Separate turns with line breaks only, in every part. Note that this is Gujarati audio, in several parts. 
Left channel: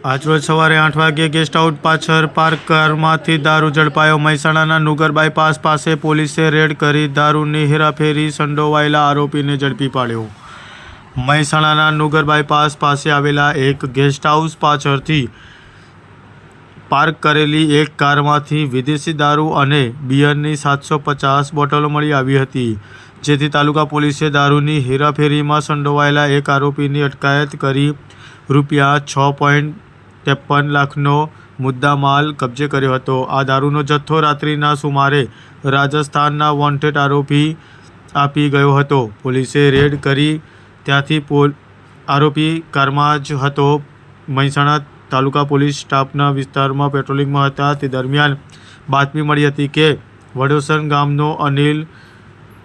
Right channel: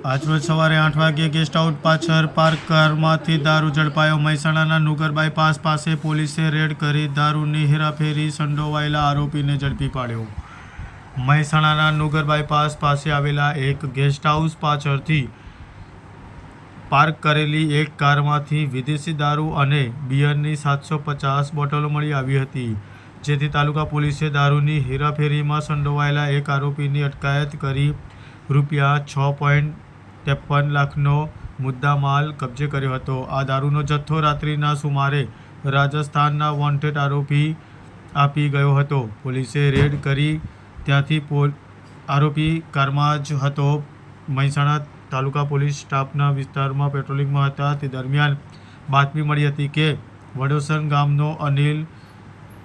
આજરોજ સવારે આઠ વાગ્યે ગેસ્ટ હાઉસ પાછળ પાર્ક કારમાંથી દારૂ ઝડપાયો મહેસાણાના નુગર બાયપાસ પાસે પોલીસે રેડ કરી દારૂની હેરાફેરી સંડોવાયેલા આરોપીને ઝડપી પાડ્યો. મહેસાણાના નુગર બાયપાસ પાસે આવેલા એક ગેસ્ટ હાઉસ પાછળથી પાર્ક કરેલી એક કારમાંથી વિદેશી દારૂ અને બિયરની સાતસો પચાસ બોટલો મળી આવી હતી, જેથી તાલુકા પોલીસે દારૂની હેરાફેરીમાં સંડોવાયેલા એક આરોપીની અટકાયત કરી રૂપિયા છ પોઈન્ટ ત્રેપન લાખનો મુદ્દામાલ કબજે કર્યો હતો. આ દારૂનો જથ્થો રાત્રિના સુમારે રાજસ્થાનના વોન્ટેડ આરોપી આપી ગયો હતો. પોલીસે રેડ કરી ત્યાંથી પોલ આરોપી કારમાં જ હતો. મહેસાણા તાલુકા પોલીસ સ્ટાફના વિસ્તારમાં પેટ્રોલિંગમાં હતા. તે દરમિયાન બાતમી મળી હતી કે વડોસન ગામનો અનિલ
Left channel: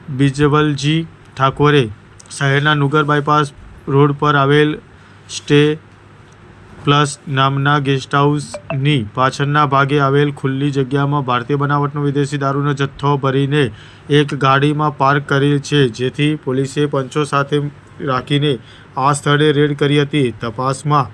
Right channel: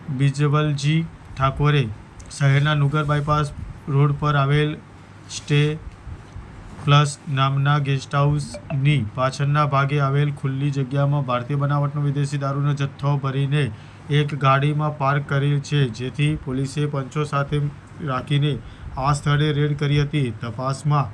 બિજવલજી ઠાકોરે શહેરના નુગર બાયપાસ રોડ પર આવેલ સ્ટે પ્લસ નામના ગેસ્ટ હાઉસની પાછળના ભાગે આવેલ ખુલ્લી જગ્યામાં ભારતીય બનાવટનો વિદેશી દારૂનો જથ્થો ભરીને એક ગાડીમાં પાર્ક કરેલ છે, જેથી પોલીસે પંચો સાથે રાખીને આ સ્થળે રેડ કરી હતી. તપાસમાં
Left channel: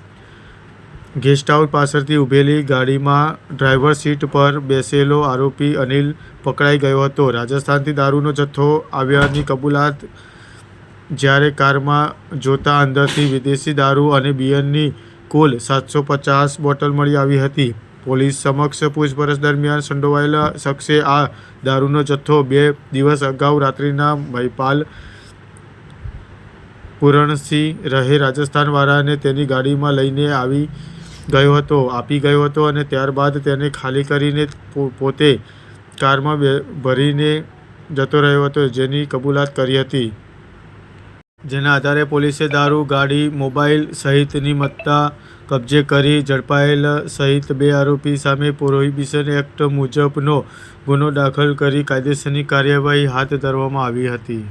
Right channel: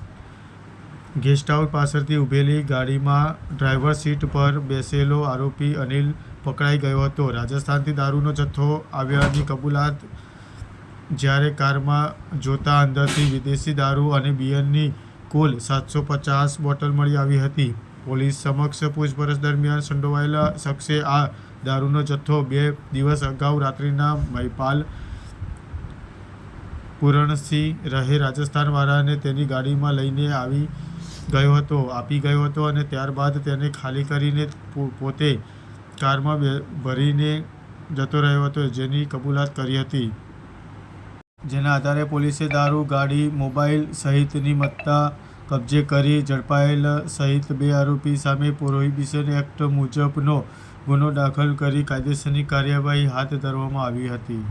ગેસ્ટ હાઉસ પાછળથી ઊભેલી ગાડીમાં ડ્રાઈવર સીટ પર બેસેલો આરોપી અનિલ પકડાઈ ગયો હતો. રાજસ્થાનથી દારૂનો જથ્થો આવ્યાની કબૂલાત જ્યારે કારમાં જોતા અંદરથી વિદેશી દારૂ અને બિયરની કુલ સાતસો પચાસ બોટલ મળી આવી હતી. પોલીસ સમક્ષ પૂછપરછ દરમિયાન સંડોવાયેલા શખ્સે આ દારૂનો જથ્થો બે દિવસ અગાઉ રાત્રિના મહિપાલ પુરણસિંહ રહે રાજસ્થાનવાળાને તેની ગાડીમાં લઈને આવી ગયો હતો, આપી ગયો હતો અને ત્યારબાદ તેને ખાલી કરીને પોતે કારમાં ભરીને જતો રહ્યો હતો, જેની કબૂલાત કરી હતી. જેના આધારે પોલીસે દારૂ, ગાડી, મોબાઈલ સહિતની મત્તા કબજે કરી ઝડપાયેલ સહિત બે આરોપી સામે પ્રોહિબિશન એક્ટ મુજબનો ગુનો દાખલ કરી કાયદેસરની કાર્યવાહી હાથ ધરવામાં આવી હતી.